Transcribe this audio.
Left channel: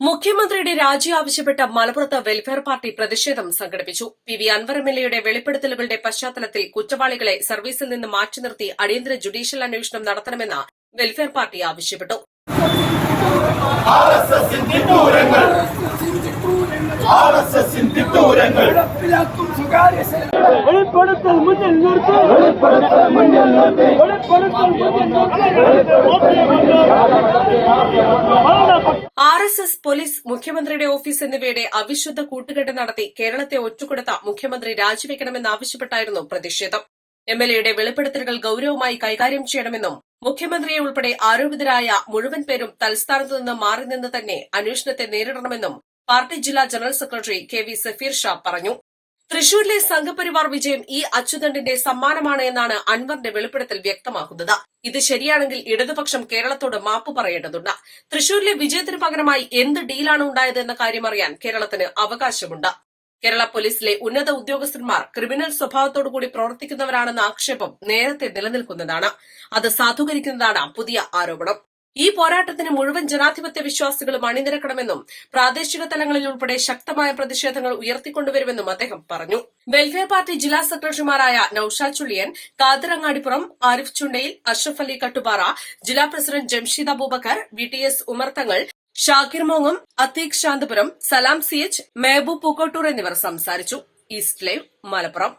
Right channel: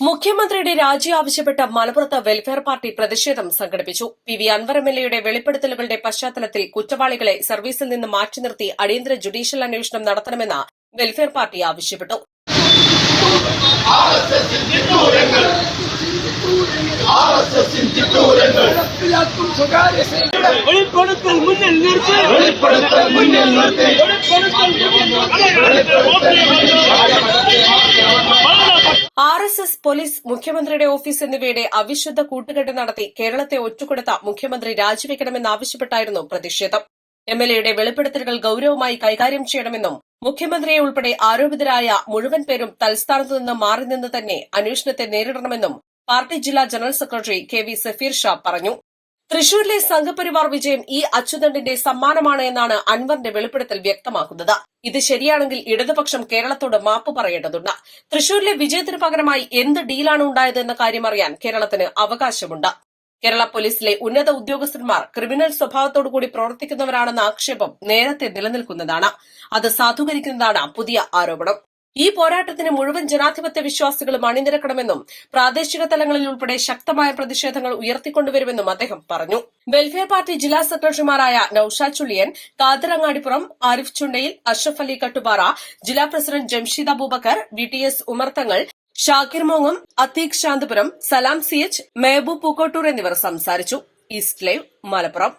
മുഖ്യമന്ത്രിയുടെ രാജി ആവശ്യപ്പെട്ട് മലപ്പുറത്ത് വെൽഫെയർ പാർട്ടി പ്രതിഷേധം സംഘടിപ്പിച്ചു. P V Anvar M L എയുടെ വെളിപ്പെടുത്തലുകളുടെ പശ്ചാത്തലത്തിൽ കുറ്റവാളികളെ സർവീസിൽ നിന്ന് മാറ്റി നിർത്തി അടിയന്തര ജുഡീഷ്യൽ അന്വേഷണം നടത്തണമെന്ന് വെൽഫെയർ പാർട്ടി ആവശ്യപ്പെട്ടു. വെളിപ്പെടുത്തൽ മുന്നിൽ നിർത്തി. വെളിപ്പെടുത്തൽ മുന്നിൽ നിർത്തി. ആർ എസ് എസ് പോലീസ് മുഖ്യമന്ത്രിയുടെ ഓഫീസ് എന്നിവയുടെ അവിശുദ്ധ കൂട്ടുകെട്ട് നടത്തി കേരളത്തെ ഒറ്റുകൊടുത്ത മുഖ്യമന്ത്രി രാജിവെക്കണമെന്നാവശ്യപ്പെട്ടായിരുന്നു പ്രതിഷേധം. എം എൽ എയുടെ വെളിപ്പെടുത്തലുകൾ ഗൌരവമായി കൈകാര്യം ചെയ്യണമെന്നും മുഖ്യമന്ത്രിയെ ഉൾപ്പെടെ ആരോപിതരായ മുഴുവൻ പേരും തൽസ്ഥാനത്തു നിന്ന് മാറി നിന്ന് തന്നെ അന്വേഷണത്തെ നേരിടണമെന്നും പാർട്ടി ജില്ലാ general secretary K V Safeer Shah പറഞ്ഞു. തൃശൂരിലെ സംഘപരിവാർ വിജയം ഈ അച്യുതണ്ടിന്റെ സമ്മാനമാണ് എന്നാണ് അൻവറിന്റെ വെളിപ്പെടുത്തൽ വ്യക്തമാക്കുന്നത്. ഇത് ശരിയാണെങ്കിൽ ഇടതുപക്ഷം കേരളത്തോട് മാപ്പ് പറയേണ്ടതുണ്ട്. തൃശൂരിലെ വിജയത്തിന് പകരമായി എന്ത് ഡീലാണ് ഉണ്ടായത് എന്ന കാര്യം അറിയാൻ കേരളത്തിന് അവകാശമുണ്ട്. കേരള പോലീസിലെ ഉന്നത ഉദ്യോഗസ്ഥന്മാർ ക്രിമിനൽ സ്വഭാവത്തോടുകൂടി പ്രവർത്തിക്കുന്നവരാണെന്ന ആക്ഷേപം നേരത്തെ നിലനിൽക്കുന്നതാണ്. അത് സാധൂകരിക്കുന്നതാണ് പുതിയ ആരോപണം. ഈ പോരാട്ടത്തിന് മുഴുവൻ ജനാധിപത്യ വിശ്വാസികളും അണിനിരക്കണമെന്നും പ്രാദേശിക തലങ്ങളിൽ ഉൾപ്പെടെ ശക്തമായ പ്രതിഷേധങ്ങൾ ഉയർത്തിക്കൊണ്ടുവരുമെന്നും അദ്ദേഹം പറഞ്ഞു. വെൽഫെയർ പാർട്ടി ജില്ലാ സെക്രട്ടറിമാരായ നൌഷാ ചുള്ളിയൻ കാദർ അങ്ങാടിപ്പുറം ആരിഫ് ചുണ്ടയിൽ അഷ്റഫ് അലി കട്ടുപാറ ജില്ലാ president Jamsheed Abubacker V T S Umarthangal Shakir മോങ്ങം Atheeq Santhapuram Salam C H Mehaboob Pookkottur എന്നിവർ സംസാരിച്ചു. East live Malappuram.